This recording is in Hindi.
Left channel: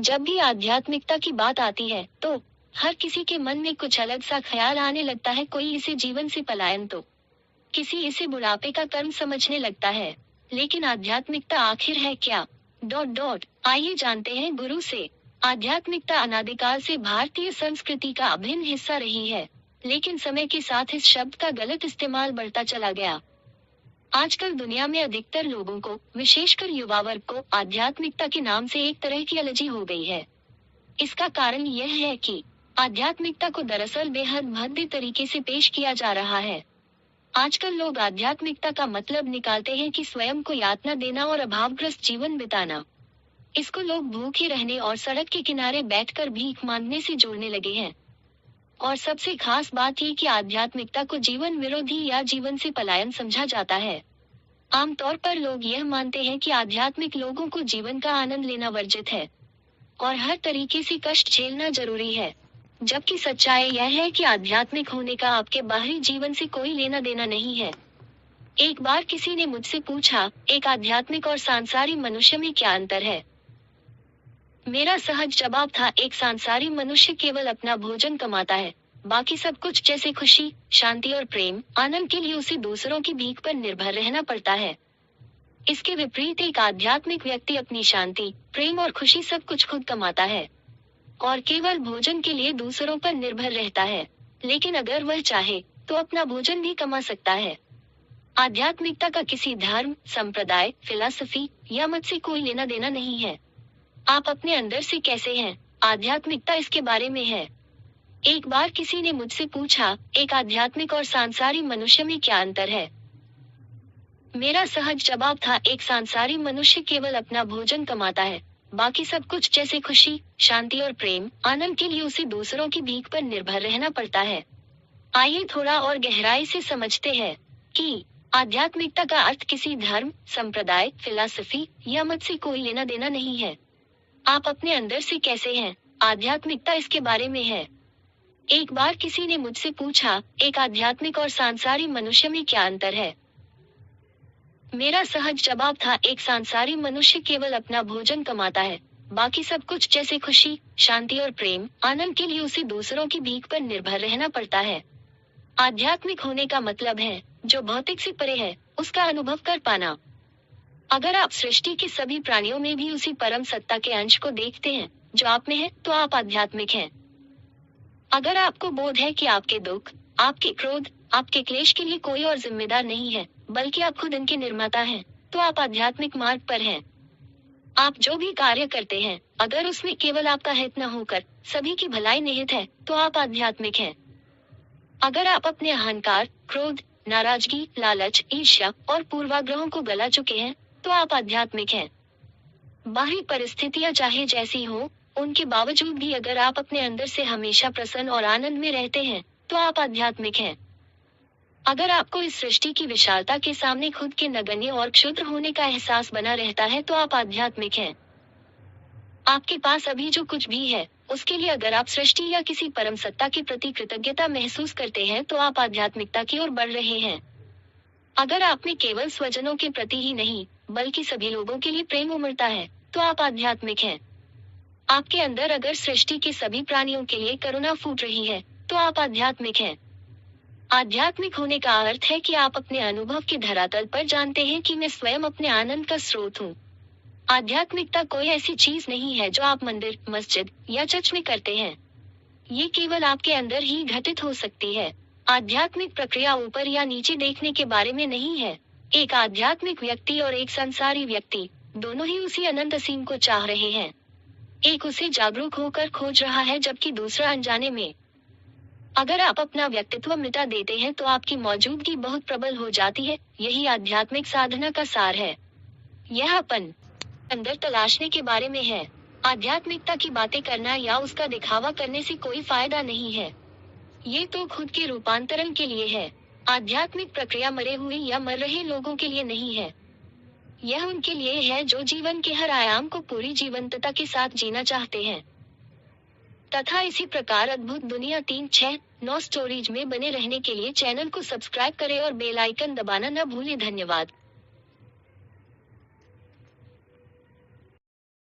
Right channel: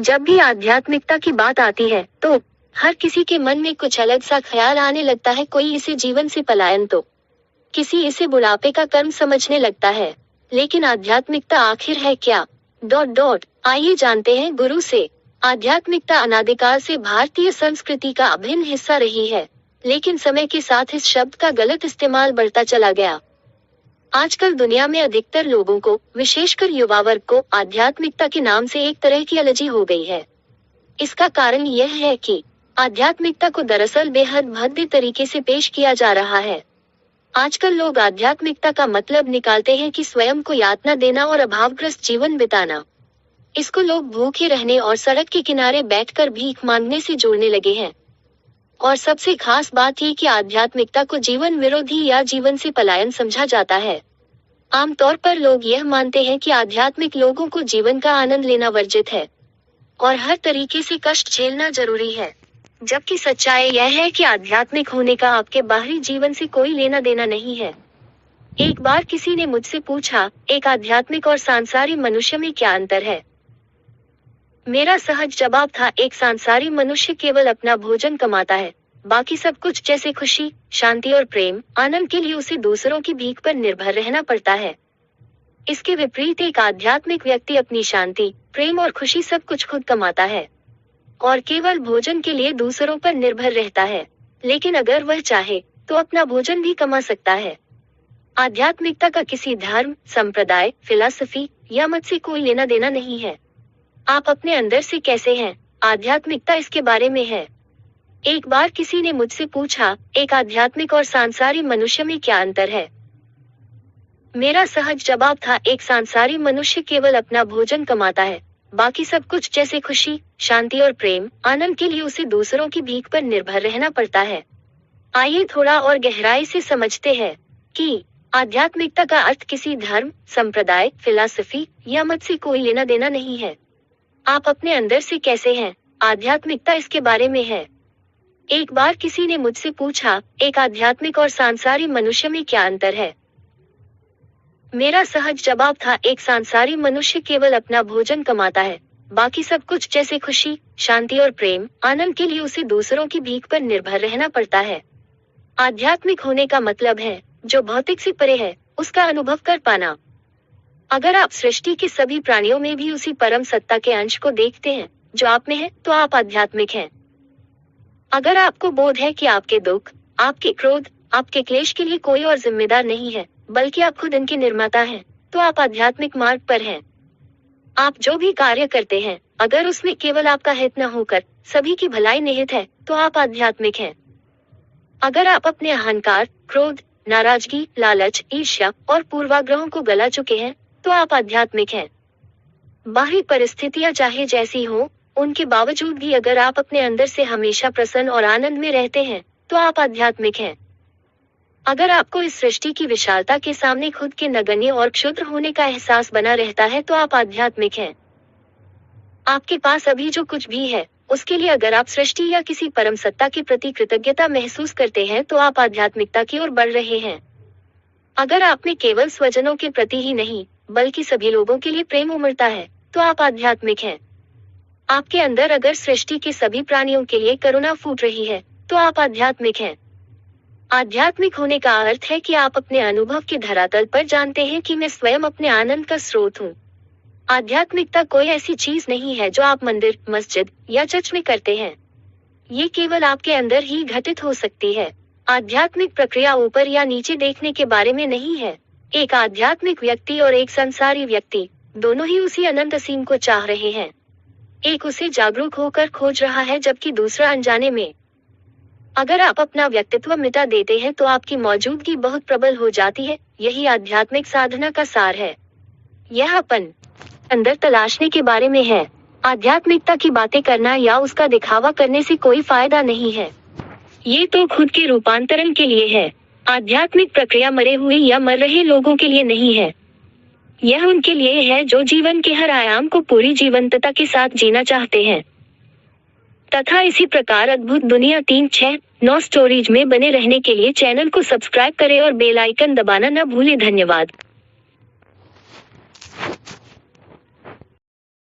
जब भी आध्यात्मिकता की बात आती है तो हर किसी के मन में कुछ अलग सा ख्याल आने लगता है। कोई इसे जीवन से पलायन तो किसी इसे बुढ़ापे का कर्म समझने लगता है। लेकिन आध्यात्मिकता आखिर है क्या? आइए जानते हैं गुरु से। आध्यात्मिकता अनादिकाल से भारतीय संस्कृति का अभिन्न हिस्सा रही है, लेकिन समय के साथ इस शब्द का गलत इस्तेमाल बढ़ता चला गया। आजकल दुनिया में अधिकतर लोगों को, विशेषकर युवा वर्ग को, आध्यात्मिकता के नाम से एक तरह की एलर्जी हो गई है। इसका कारण यह है कि आध्यात्मिकता को दरअसल बेहद भद्दे तरीके से पेश किया जा रहा है। आजकल लोग आध्यात्मिकता का मतलब निकालते हैं कि स्वयं को यातना देना और अभावग्रस्त जीवन बिताना। इसको लोग भूखे रहने और सड़क के किनारे बैठकर भीख मांगने से जोड़ने लगे हैं। और सबसे खास बात ये कि आध्यात्मिकता को जीवन विरोधी या जीवन से पलायन समझा जाता है। आमतौर पर लोग यह मानते हैं कि आध्यात्मिक लोगों को जीवन का आनंद लेना वर्जित है और हर तरीके से कष्ट झेलना जरूरी है। जबकि सच्चाई यह है कि आध्यात्मिक होने का आपके बाहरी जीवन से कोई लेना देना नहीं है। एक बार किसी ने मुझसे पूछा, एक आध्यात्मिक और सांसारिक मनुष्य में क्या अंतर है? मेरा सहज जवाब था, एक सांसारिक मनुष्य केवल अपना भोजन कमाता है, बाकी सब कुछ जैसे खुशी, शांति और प्रेम, आनंद के लिए उसे दूसरों की भीख पर निर्भर रहना पड़ता है। इसके विपरीत एक आध्यात्मिक व्यक्ति अपनी शांति, प्रेम और खुशी सब कुछ खुद कमाता है और केवल भोजन के लिए दूसरों पर निर्भर रहता है। लेकिन अगर वह चाहे तो अपना भोजन भी कमा सकता है। आध्यात्मिकता का किसी धर्म, संप्रदाय, फिलॉसफी या मत से कोई लेना देना नहीं है। आप अपने अंदर से कैसे हैं, आध्यात्मिकता इसके बारे में है। एक बार किसी ने मुझसे पूछा, एक आध्यात्मिक और सांसारिक मनुष्य में क्या अंतर है? मेरा सहज जवाब था, एक सांसारिक मनुष्य केवल अपना भोजन कमाता है, बाकी सब कुछ जैसे खुशी, शांति और प्रेम, आनंद के लिए उसे दूसरों की भीख पर निर्भर रहना पड़ता है। आइए थोड़ा और गहराई से समझते हैं कि आध्यात्मिकता का अर्थ किसी धर्म, संप्रदाय, फिलॉसफी या मत से कोई लेना देना नहीं है। आप अपने अंदर से कैसे हैं, आध्यात्मिकता इसके बारे में है। एक बार किसी ने मुझसे पूछा, एक आध्यात्मिक और सांसारिक मनुष्य में क्या अंतर है? मेरा सहज जवाब था, एक सांसारिक मनुष्य केवल अपना भोजन कमाता है, बाकी सब कुछ जैसे खुशी, शांति और प्रेम, आनंद के लिए उसे दूसरों की भीख पर निर्भर रहना पड़ता है। आध्यात्मिक होने का मतलब है जो भौतिक से परे है उसका अनुभव कर पाना। अगर आप सृष्टि के सभी प्राणियों में भी उसी परम सत्ता के अंश को देखते हैं जो आप में है, तो आप आध्यात्मिक हैं। अगर आपको बोध है कि आपके दुख, आपके क्रोध, आपके क्लेश के लिए कोई और जिम्मेदार नहीं है, बल्कि आप खुद इनके निर्माता हैं, तो आप आध्यात्मिक मार्ग पर हैं। आप जो भी कार्य करते हैं, अगर उसमें केवल आपका हित न होकर सभी की भलाई निहित है, तो आप आध्यात्मिक हैं। अगर आप अपने अहंकार, क्रोध, नाराजगी, लालच, ईर्ष्या और पूर्वाग्रहों को गला चुके हैं, तो आप आध्यात्मिक हैं। बाहरी परिस्थितियां चाहे जैसी हो, उनके बावजूद भी अगर आप अपने अंदर से हमेशा प्रसन्न और आनंद में रहते हैं, तो आप आध्यात्मिक हैं। अगर आपको इस सृष्टि की विशालता के सामने खुद के नगण्य और क्षुद्र होने का एहसास बना रहता है, तो आप आध्यात्मिक हैं। आपके पास अभी जो कुछ भी है, उसके लिए अगर आप सृष्टि या किसी परम सत्ता के प्रति कृतज्ञता महसूस करते हैं, तो आप आध्यात्मिकता की ओर बढ़ रहे हैं। अगर आप में केवल स्वजनों के प्रति ही नहीं, बल्कि सभी लोगों के लिए प्रेम उमड़ता है, तो आप आध्यात्मिक हैं। आपके अंदर अगर सृष्टि के सभी प्राणियों के लिए करुणा फूट रही है, तो आप आध्यात्मिक हैं। आध्यात्मिक होने का अर्थ है कि आप अपने अनुभव के धरातल पर जानते हैं कि मैं स्वयं अपने आनंद का स्रोत हूँ। आध्यात्मिकता कोई ऐसी चीज नहीं है जो आप मंदिर, मस्जिद या चर्च में करते हैं। ये केवल आपके अंदर ही घटित हो सकती है। आध्यात्मिक प्रक्रिया ऊपर या नीचे देखने के बारे में नहीं है। एक आध्यात्मिक व्यक्ति और एक संसारी व्यक्ति दोनों ही उसी अनंत असीम को चाह रहे हैं। एक उसे जागरूक होकर खोज रहा है, जबकि दूसरा अनजाने में। अगर आप अपना व्यक्तित्व मिटा देते हैं, तो आपकी मौजूदगी बहुत प्रबल हो जाती है। यही आध्यात्मिक साधना का सार है। यह अपन अंदर तलाशने के बारे में है। आध्यात्मिकता की बातें करना या उसका दिखावा करने से कोई फायदा नहीं है। ये तो खुद के रूपांतरण के लिए है। आध्यात्मिक प्रक्रिया मरे हुए या मर रहे लोगों के लिए नहीं है। यह उनके लिए है जो जीवन के हर आयाम को पूरी जीवंतता के साथ जीना चाहते हैं। तथा इसी प्रकार अद्भुत दुनिया 369 स्टोरीज में बने रहने के लिए चैनल को सब्सक्राइब करें और बेल आइकन दबाना न भूलें। धन्यवाद।